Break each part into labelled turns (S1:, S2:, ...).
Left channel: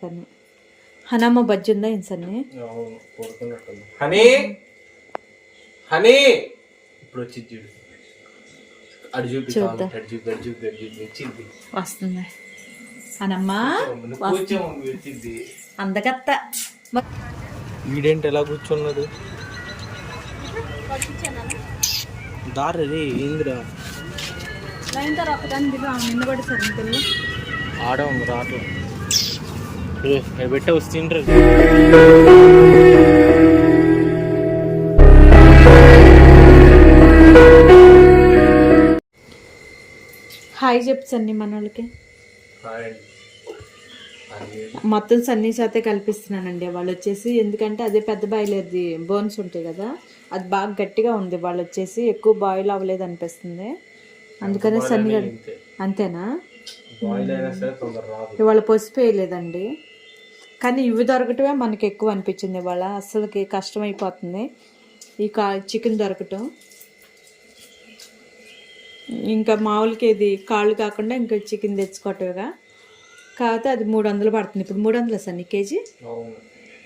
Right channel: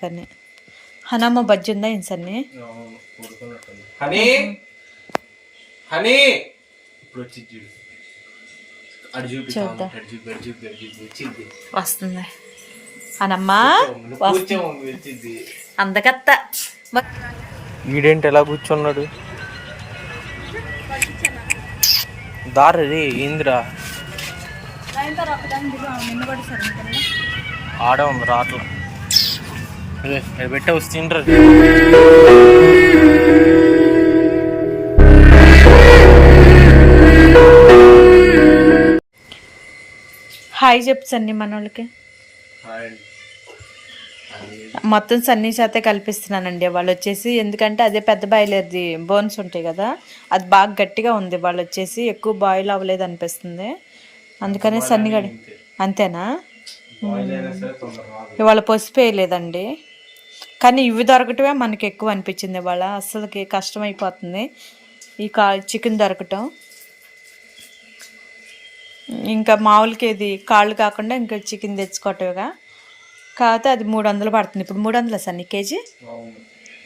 S1: కానీ హనమ్మ బజ్జి ఉందా ఏం సన్ని?
S2: హనీ! హనీ! ఇప్పుడు వచ్చి చూడు.
S1: వస్తుంది. అందకత్త.
S2: వీడేంటి ఎలా కూర్చున్నాడు? దారి రే ఏందిరా ఆడ ఉంది రాట్ల పెట్టే వస్తుండ్రు
S1: హాయ్ చెప్పు సన్ని మన వాళ్ళకి మొత్తం సన్నీ చేతే కల్పిస్తున్నానండి. వాళ్ళు వచ్చేసి ఎందుకంటే అదే పెద్ద బాయిలర్ది బోన్స్ ఉంటాయి కదా అది బాగా గట్టిగా ఉంది. వాళ్ళు వచ్చేసి ఎక్కువ బాయిల్ అవ్వలేదు అనిపిస్తుంది. అందుకనే సన్ని గడి అంతేనా? ఇవాళ పసిపోయలేదండి కానీ ఇవి దొరకటమే మనకి ఎక్కువ అనిపించింది ఇవాళ. అస్సలకి కష్టమైపోతుంది ఈ కా చికెన్ దొరకటం. ఇంకా మామూలుకి ఇది కాళ్ళు కాకుండా ఇంకా చికెన్ తెచ్చుకోవటమేగా. కాకపోతే అది మూడు వందలు పడుతుంది. ఇప్పుడు మూడు వందలు సన్ని కేజీ?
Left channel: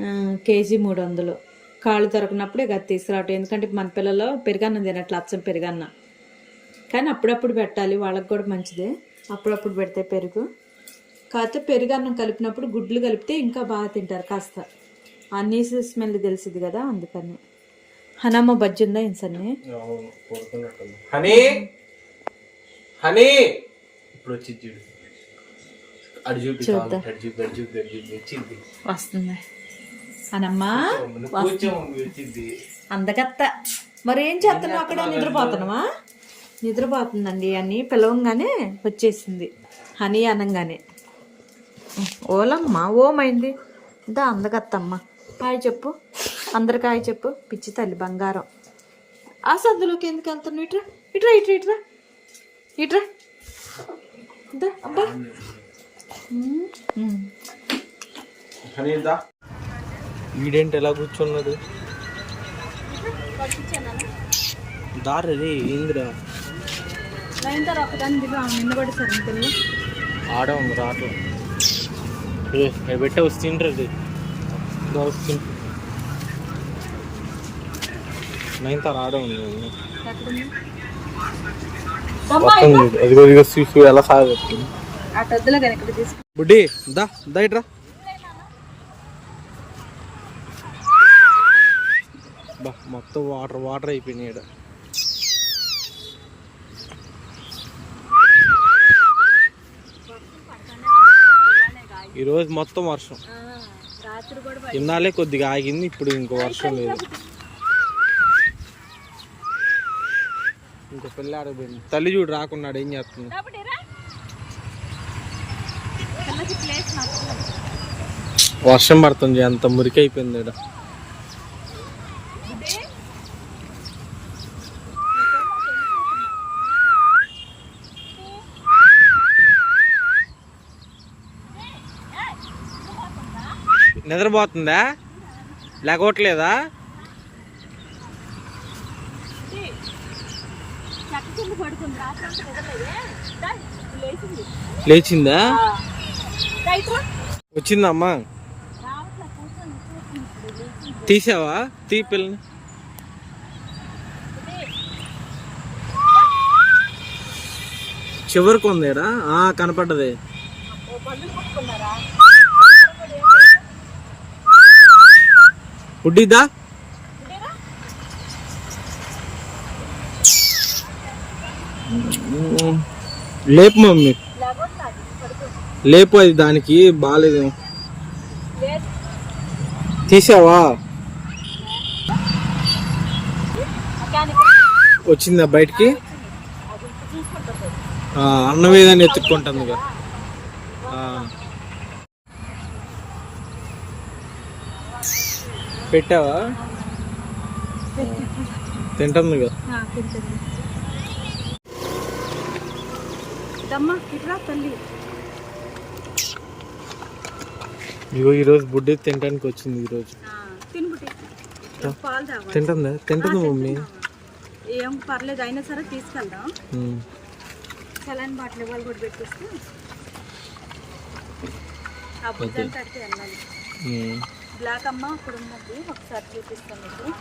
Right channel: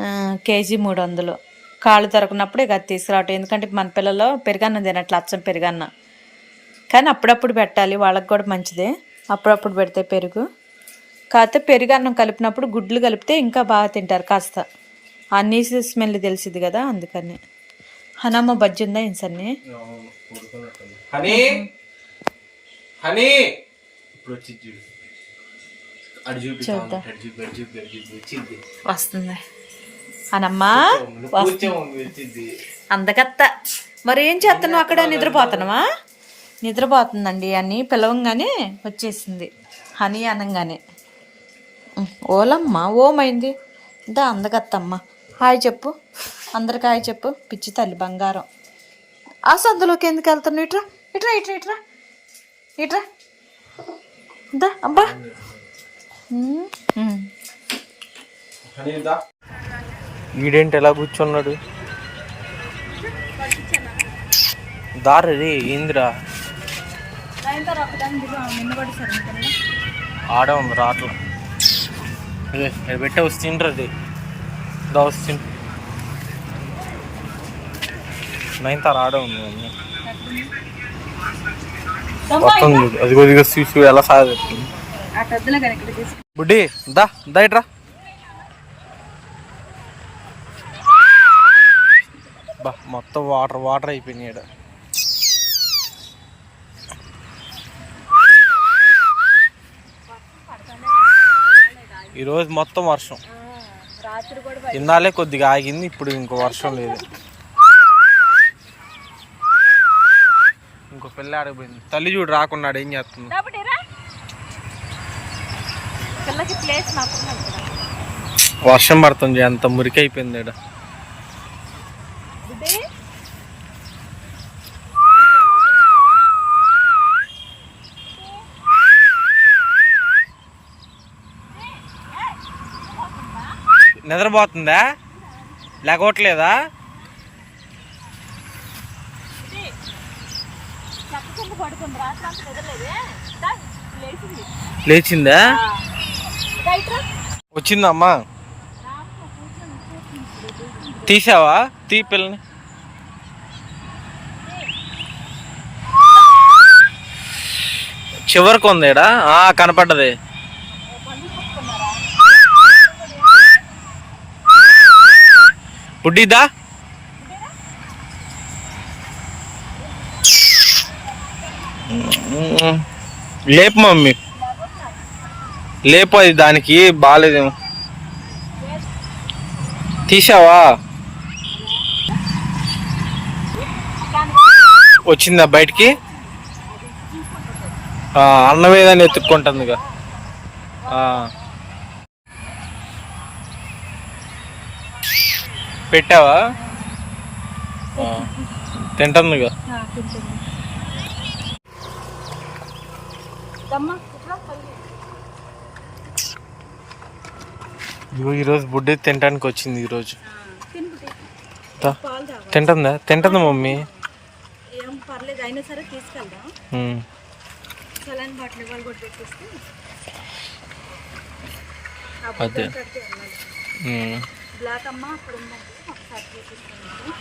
S1: ఆ, కేజీ మూడు వందలు కాళ్ళు దొరకనప్పుడు ఇక అది తీసుకురావటం. ఎందుకంటే మన పిల్లలు పెరుగన్నం తినట్లు అచ్చం పెరుగన్న. కానీ అప్పుడప్పుడు పెట్టాలి. వాళ్ళకి కూడా మంచిదే. అప్పుడప్పుడు పెడితే పెరుగు. కాకపోతే పెరుగన్నం కలిపినప్పుడు గుడ్లు కలిపితే ఇంకా బాగా తింటారు కాస్త. నీసు స్మెల్ తెలిసింది కదా అందుకని. హనమ్మ బజ్జి ఉందా ఏం సన్ని?
S2: హనీ! హనీ! ఇప్పుడు వచ్చి చూడు. అడు చూపి
S1: చూద్దాం.
S2: అడు చూపి అడు చూపి అడు చూపి వచ్చింది
S1: వస్తుంది.
S2: వచ్చింది
S1: అందకత్త. మరి ఏం చేస్తున్నావు అక్కడ? నిద్రపోతున్నావా? నిద్రపోతుందండి అని పిలవంగానే వచ్చేసింది. హనీ అనగానే. ఓలమ్మ ఓమైంది. దా అందకత్తమ్మ హాయ్ చెప్పు. అందరికి హాయ్ చెప్పు. పిచ్చి తల్లి బంగారం. ఆ సందులోకి ఎందుకు వెళ్తున్నావు? ఇట్రా ఇట్రా ఇట్రా ఇట్రా. ఇట్రా. దా అబ్బా.
S2: వీడేంటి ఎలా కూర్చున్నాడు? దారి రే ఏందిరా ఆడ ఉంది రాట్ల. పెట్టే వస్తుండ్రు అది. దా వస్తుంది నైన్ తార ఆడ ఉంది అది కొద్దిగా సీసు ఎలా సాగుతుంది బుడ్డి దా దా ఇట్రా. బా మొత్తం వాటర్ వాటర్ అయిపోయినాయి ఈడ. ఈరోజు మొత్తం వర్షం. ఇన్నాళ్ళే కొద్దిగా ఆగింది ఇప్పుడు ఇంకో వర్షం లేదు. ఇంకో పిల్ల ఆడిపోయింది తల్లి చూడు రాకున్నాడు ఏం చేస్తుంది? వర్షం పడుతుంది అంత మురికి అయిపోయింది ఈడ. నిద్రపోతుందా? లేకపోవట్లేదా లేచిందా. వచ్చిందమ్మా. తీసావా? తీ పిల్లని. చివరికి ఉందేడా? కనపడ్డది. బుడ్డిదా లేపు మమ్మీ. లేపు అది దానికి బాగాలేదేమో. తీసావా? వచ్చిందా బయటికి? ఆ, అన్నమే కానీ ఎత్తుక్కుంటుంది ఇక. ఆ పెట్టావా? తింటుందిగా. ఇగో ఈరోజు బుడ్డి తినడానికి వచ్చింది ఈరోజు. తింటుందా? తింటుందా మమ్మీ?
S1: ఏం పర్లేదు అయినా సరే తీసుకెళ్దాం. సలాన్ బాటిల్ వాళ్ళు కూడా పెట్టేస్తే.
S3: ఆ
S2: అదే.
S3: బ్లాక్ అమ్మ అక్కడ ఉందండి ఒకసారి చూపిస్తాను మీకు.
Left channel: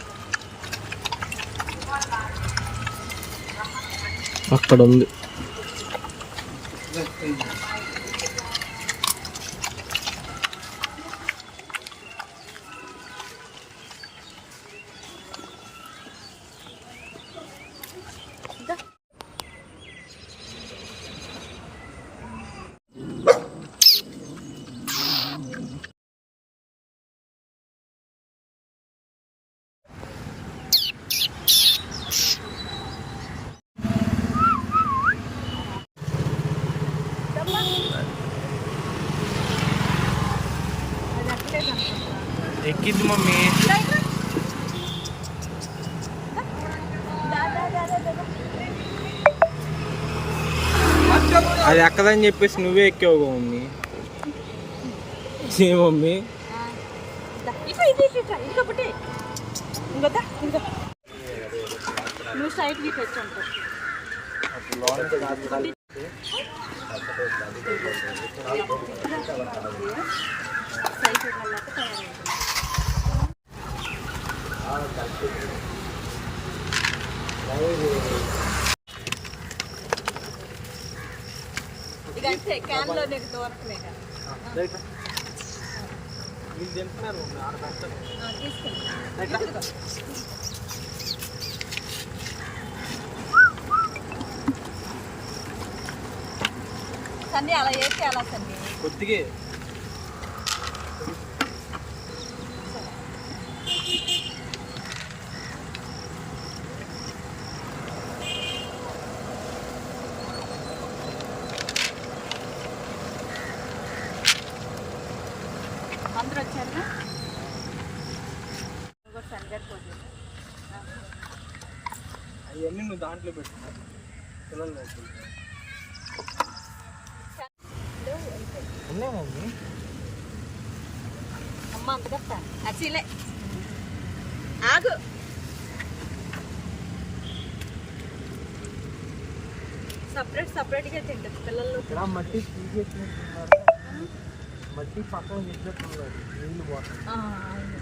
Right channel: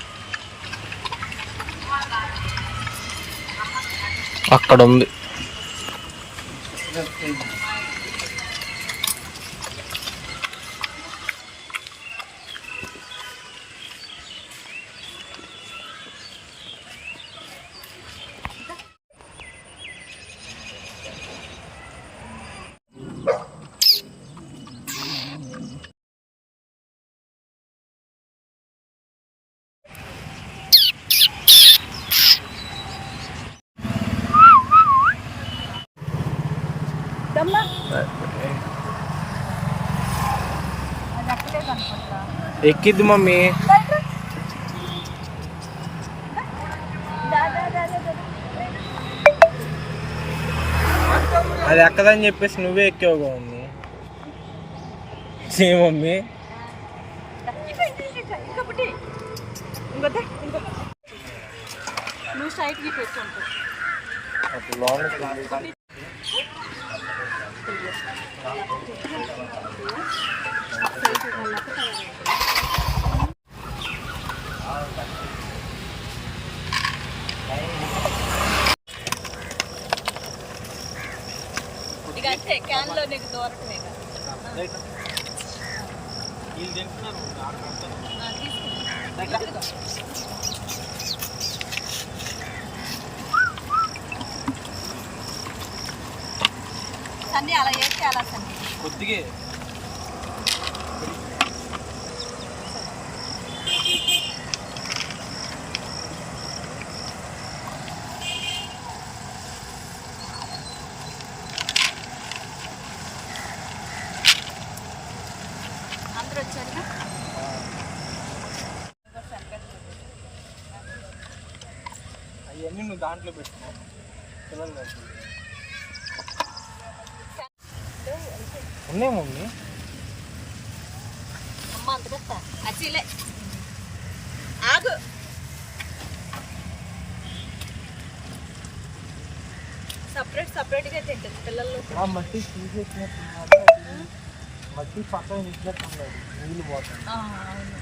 S2: అక్కడ ఉంది
S3: అనుకుంటా
S2: ఎక్కిద్ది మమ్మీ
S3: దా ఇట్రా. దా, దా, దా, దా, దా, దా.
S2: అది ఎక్కదని చెప్పేసి నువ్వే ఎక్కావుగా మమ్మీ ఏ మమ్మీ
S3: ఆ, దా. ఇటు, ఇటు, ఇటు, ఇటు. ఇంకొకటి. ఇంకో దా, ఇంకో. నువ్వు సైడ్కి ఇటు వచ్చి ఇక అంతే క్యాన్లో నీకు.
S2: వీళ్ళు తింటున్నారు.
S3: సన్ని అలా చేస్తే అలా సన్ని
S2: కొద్దిగే. అవన్నీ నువ్వు దాంట్లో పెట్టుకో పిల్లలు. ఉన్నాయి మమ్మీ.
S3: అమ్మ అంతకత్తా అచ్చిలే. ఆగు. సపరేట్ సపరేట్గా తింటుంది పిల్లలు.
S2: ఆ మట్టి మట్టి పక్కన
S3: అవును.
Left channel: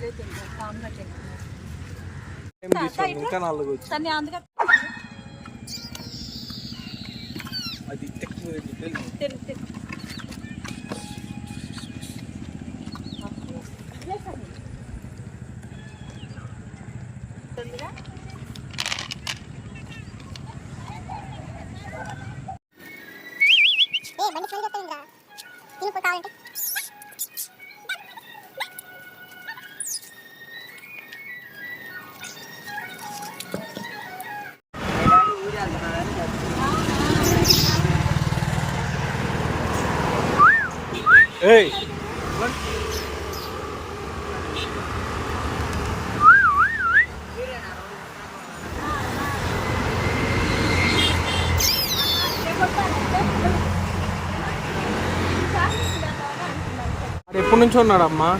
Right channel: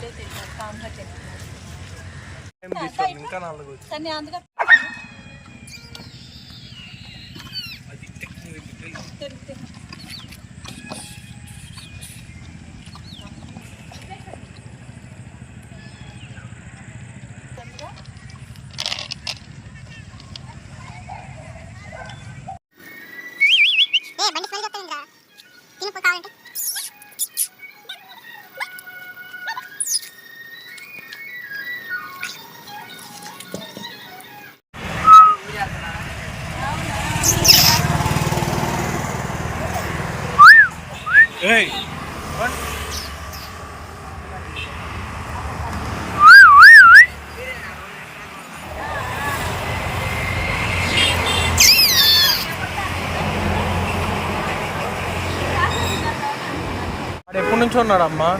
S3: పిల్లలు తింటారు కామ్గా తింటున్నారు. అందుగా తిను తిను. తొందరగా.
S4: ఏ బండి స్మెల్ చెప్తాను తిను పోయి కావాలంటే.
S2: ఎప్పటి నుంచో ఉన్నాడమ్మా?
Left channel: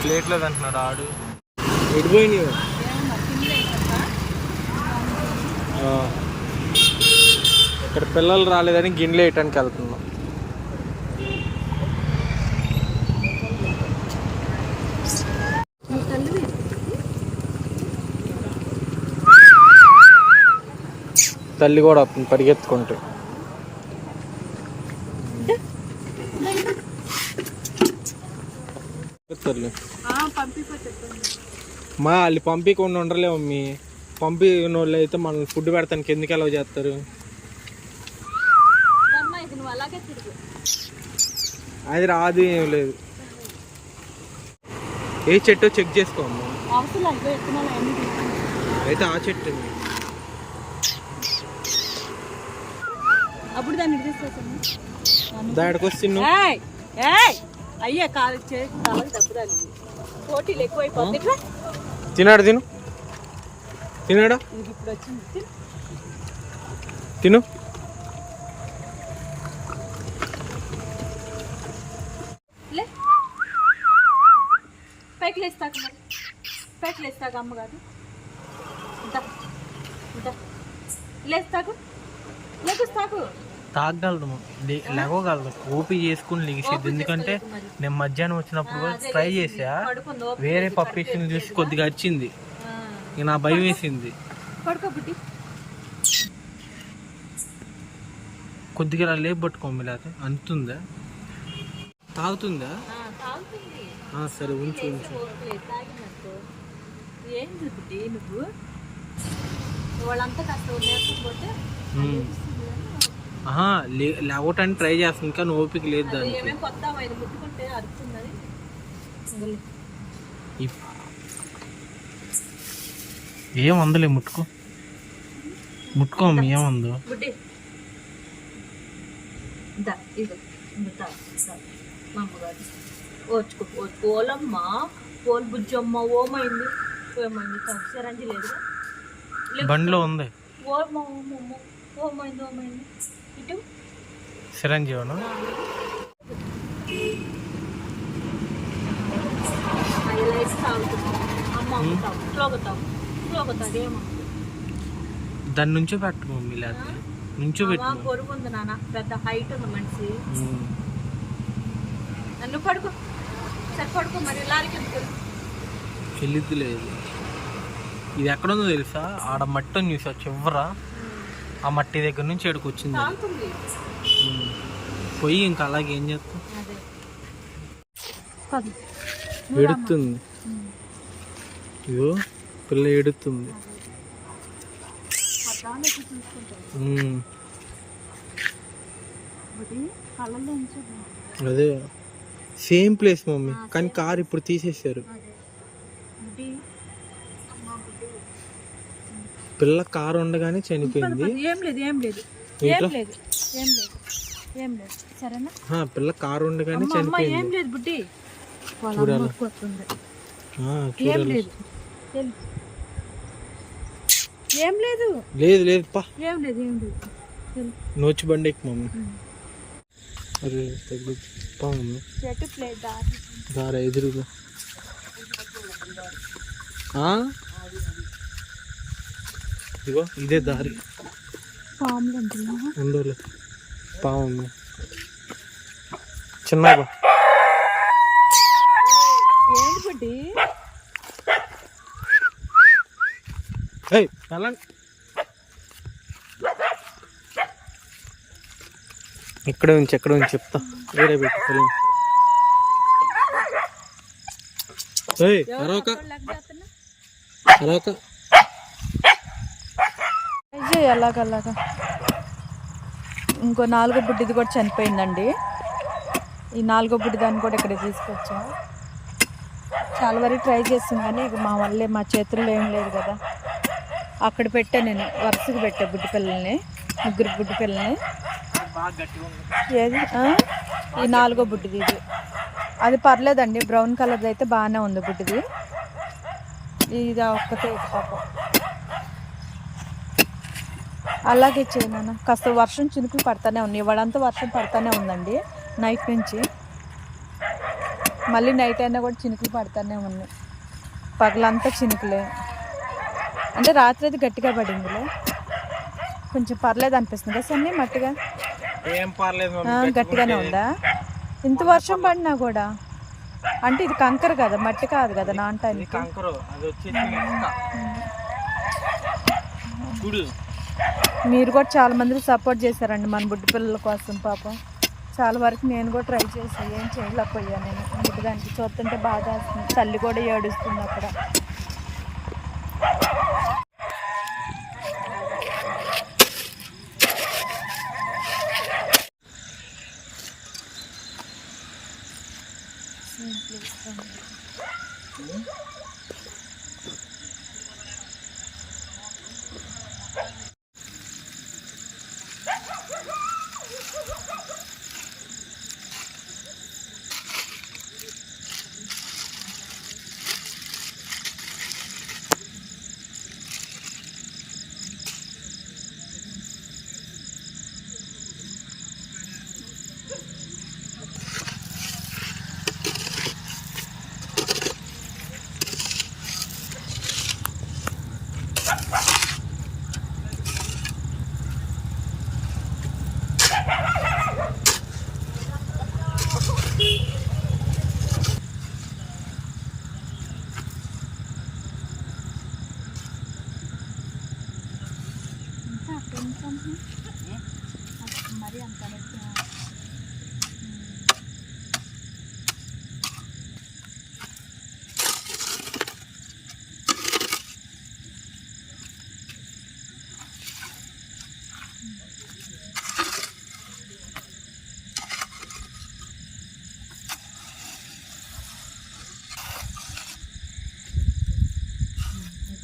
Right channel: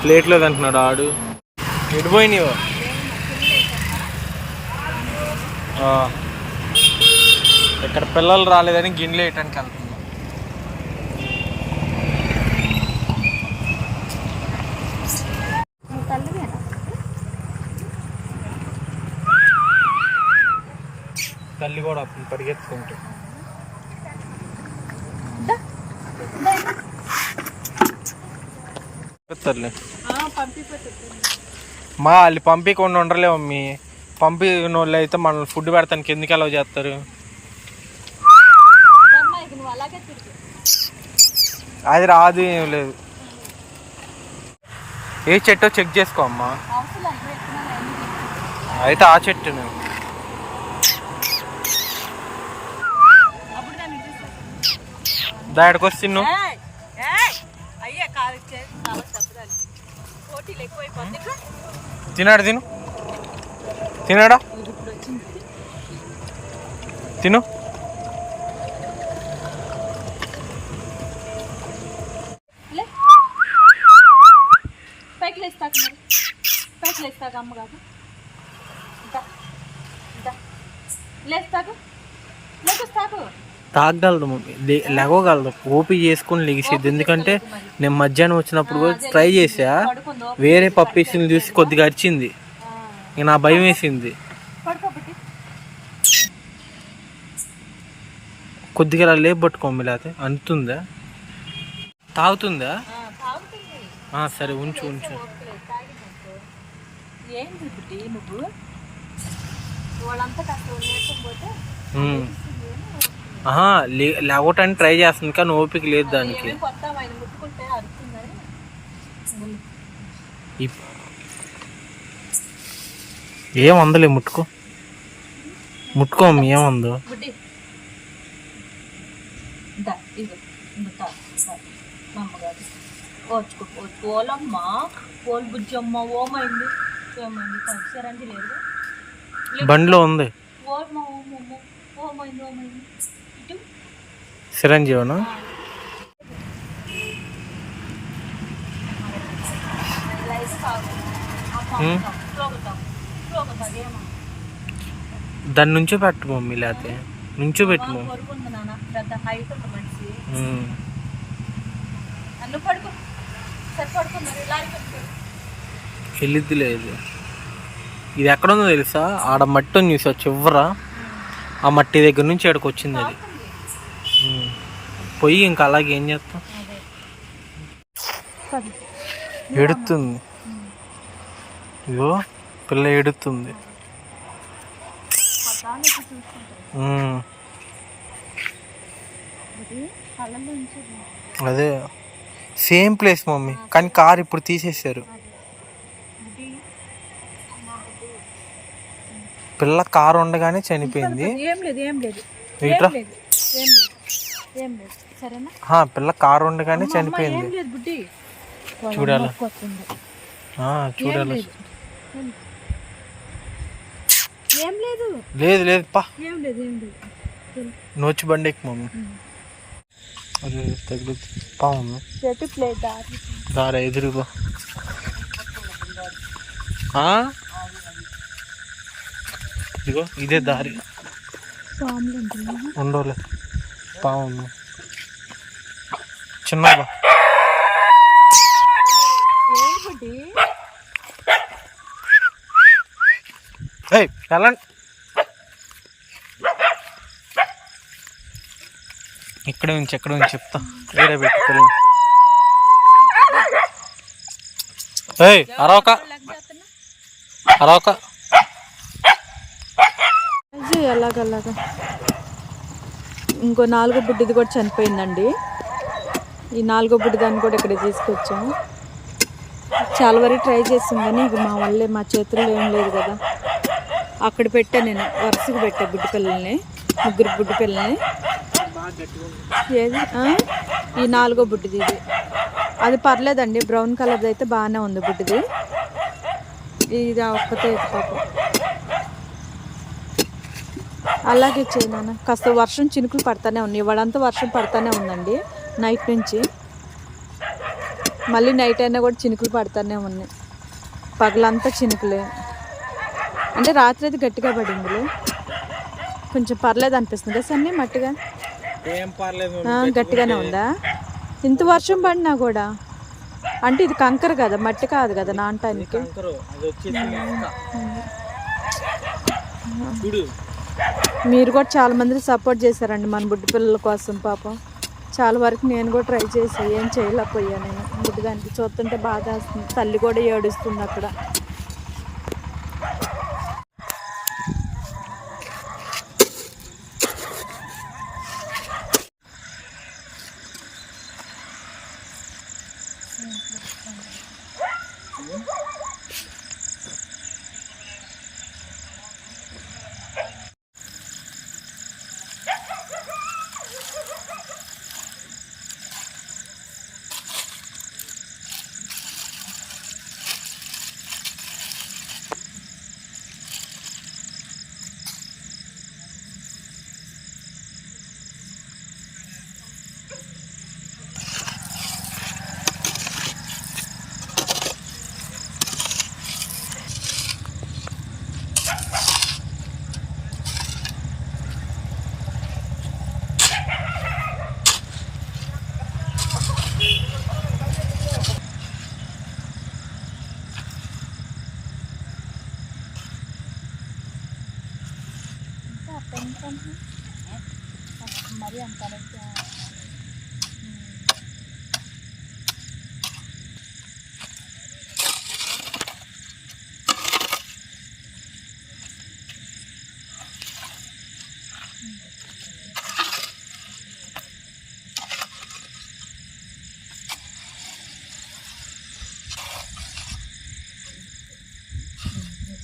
S2: ప్లేట్ లేదంటున్నాడు ఆడు. ఎడిపోయినాయో ఇక్కడ పిల్లలు రాలేదని గిన్నెలు వేయటానికి వెళ్తున్నాం
S3: నువ్వు తల్లివేనా
S2: తల్లి కూడా వస్తుంది పరిగెత్తుకుంటూ. తల్లి. మా వాళ్ళు పంపించకుండా ఉండలేవు మమ్మీ పంపిన వాళ్ళు అయితే మనల్ని ఫుడ్ పెడతానికి ఎందుకు అలవ్ చేస్తారు?
S3: అమ్మా నువ్వు
S2: అది రాదు ఏం లేదు. ఏ చెట్టో చెక్ చేసుకో అమ్మా. అయితే ఆ చెట్టును.
S3: అప్పుడు దాన్ని తీసేసాను
S2: దాడికి
S3: వచ్చి అయ్యే కాలు పోటీలు ఎక్కువైపోతుంది
S2: తినాడు తిను? తినాడా? తిను.
S1: పైకి లేస్తాక మరి. పైకి లేస్తాకు. లేకుస్తాకు.
S2: తాగగలదు మమ్మీ లే- లేవగలదు. ఓపి చేసుకుని లెగిసేది ఎందుకంటే నేను మధ్యాహ్నం వచ్చినప్పుడు కూడా ట్రై చేసా వేరే పప్పీసుని చూసి కొద్దిగా అరిచింది. నా భయం వేసింది. కొద్దిగా ఇలా లేపు పట్టుకోమి లేకపోతే అంటుందా తాగుతుందా? సరే ఉంచు ఉంచు.
S1: నువ్వు? వాళ్ళంతా కాస్త పోతే
S2: లేవటానికి ట్రై చేస్తుంది కానీ ఓపిక లేదు దానికి.
S1: వదిలే.
S2: ఏం అందలే ముట్టుకో. ముట్టుకో అమ్మ, ఏమందో
S1: ఓలమ్మ ఓలు బుజ్జమ్మ ఓమైంది. ఏమైంది? తా, సిరంజి లేదు
S2: బండిలో ఉంది.
S1: ఓమ్మ ఓమమ్మ ఓమైంది ఓమైంది.
S2: చిరంజీవన? దాని నుంచో పెట్టు మమ్మీ లేకపోతే నుంచో పెట్టు మమ్మీ.
S1: పొరుగు ఉంది నాన్న. పెద్ద హైట్ ఉంది మనిషి. నన్ను పడుకో. సరే పడుకో మరి. లారీకి?
S2: వెళ్ళిద్ది లేదు ఇది. ఎక్కడ ఉందో తెలుసా? ఆడ మట్టి చూసా చివర. ఆ మట్టి దగ్గర నుంచి ఇక్కడికి వచ్చింది అది
S1: తాగుతుంది
S2: ఉమ్. పోయి ఇంకా అలాగే ఏం చేస్తాం? ఎడుతుంది ఇదో పిల్ల ఎడుతుంది.
S1: అది
S2: సేమ్ ప్లేస్ మమ్మీ. కానీ కార్ ఇప్పుడు
S1: బుడ్డి.
S2: పిల్ల కారు ఉండగానే చనిపోయింది.
S1: ఏం లేదు ఏం లేదు ఏం లేదు.
S2: పిల్ల కారు ఉండగానే
S1: అమ్మ,
S2: చనిపోయింది. చూడాలా? చూడాలి?
S1: ఏం- లేదు.
S2: లేదు. లేదు. పా.
S1: ఏం లేదు ఏం లేదు.
S2: నోచి బండి ఎక్కు మమ్మీ. అదే తగులు పా మమ్మీ.
S1: చెట్టు ప్లేట్ దారి.
S2: దారా ఎదురుగా ఆ? ఇదిగో ఇదే దారి.
S1: పాములు
S2: పాము చిన్న వెళ్ళండి ఇక్కడే ఉంచి ఎక్కడ ఉంచి చెప్తా. వేరే పెట్టి ఏయ్ అరవక. అరవక.
S1: ఇది అలాగలాగా ఇంకో నాలుగో బుడ్డిది కూడా చనిపోయిందండి. ఈ నాలుగో బుడ్డి దాన్ని కూడా ఇక్కడ తీసుకొచ్చాం. చాలా వరకు ట్రై చేస్తాం కానీ ఇక మా వల్లే మా చేతుల్లో ఏం లేదు కదా. అక్కడ పెట్టా నేను వరుసగా పెట్టా బుడ్డి పిల్లల్ని ముగ్గురు బుడ్డి పిల్లల్ని. ఏది? ఈ నాలుగో బుడ్డిది ఇది. అది పర్లేదండి బ్రౌన్ కలర్ది అయితే బాగానే ఉంది బుడ్డిది. ఇది ఒక్కతే పాపం. అలాగే చేయి నాన్న. కాస్త వర్షం చినుకులు పడతానే ఉన్నాయి. ఇవాడంతా వర్షం పడతానే ఉందండి నైట్ నుంచి. మళ్ళీ నైట్ అయినా కూడా చినుకులు పడతానే ఉన్నాయి. పగలంతా చినుకులే. అంటే రాత్రి అయితే గట్టిగా పడిందిలే. కొంచెం పర్లేదు అనిపిస్తుంది. కదా సన్నీ మట్టిగా? గట్టిగానే ఉందా? ఇంత వర్షం పడినా కూడా. అంటే ఇది కంకర కదా మట్టి కాదు కదా నానటానికి. మీరు కూడా చాలామంది సపోర్ట్ చేశారండి మన బుడ్డి పిల్లల కోసం పాపం. చాలా వరకు నేను కూడా ట్రై చేసి ఏం చేయలేకపోయా నేను. బుడ్డిదానికి చూస్తుంటే బాధ వస్తుంది. తల్లి కూడా ఏడుస్తుంది అక్కడ.
S3: Thank you.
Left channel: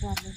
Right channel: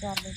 S3: చాలా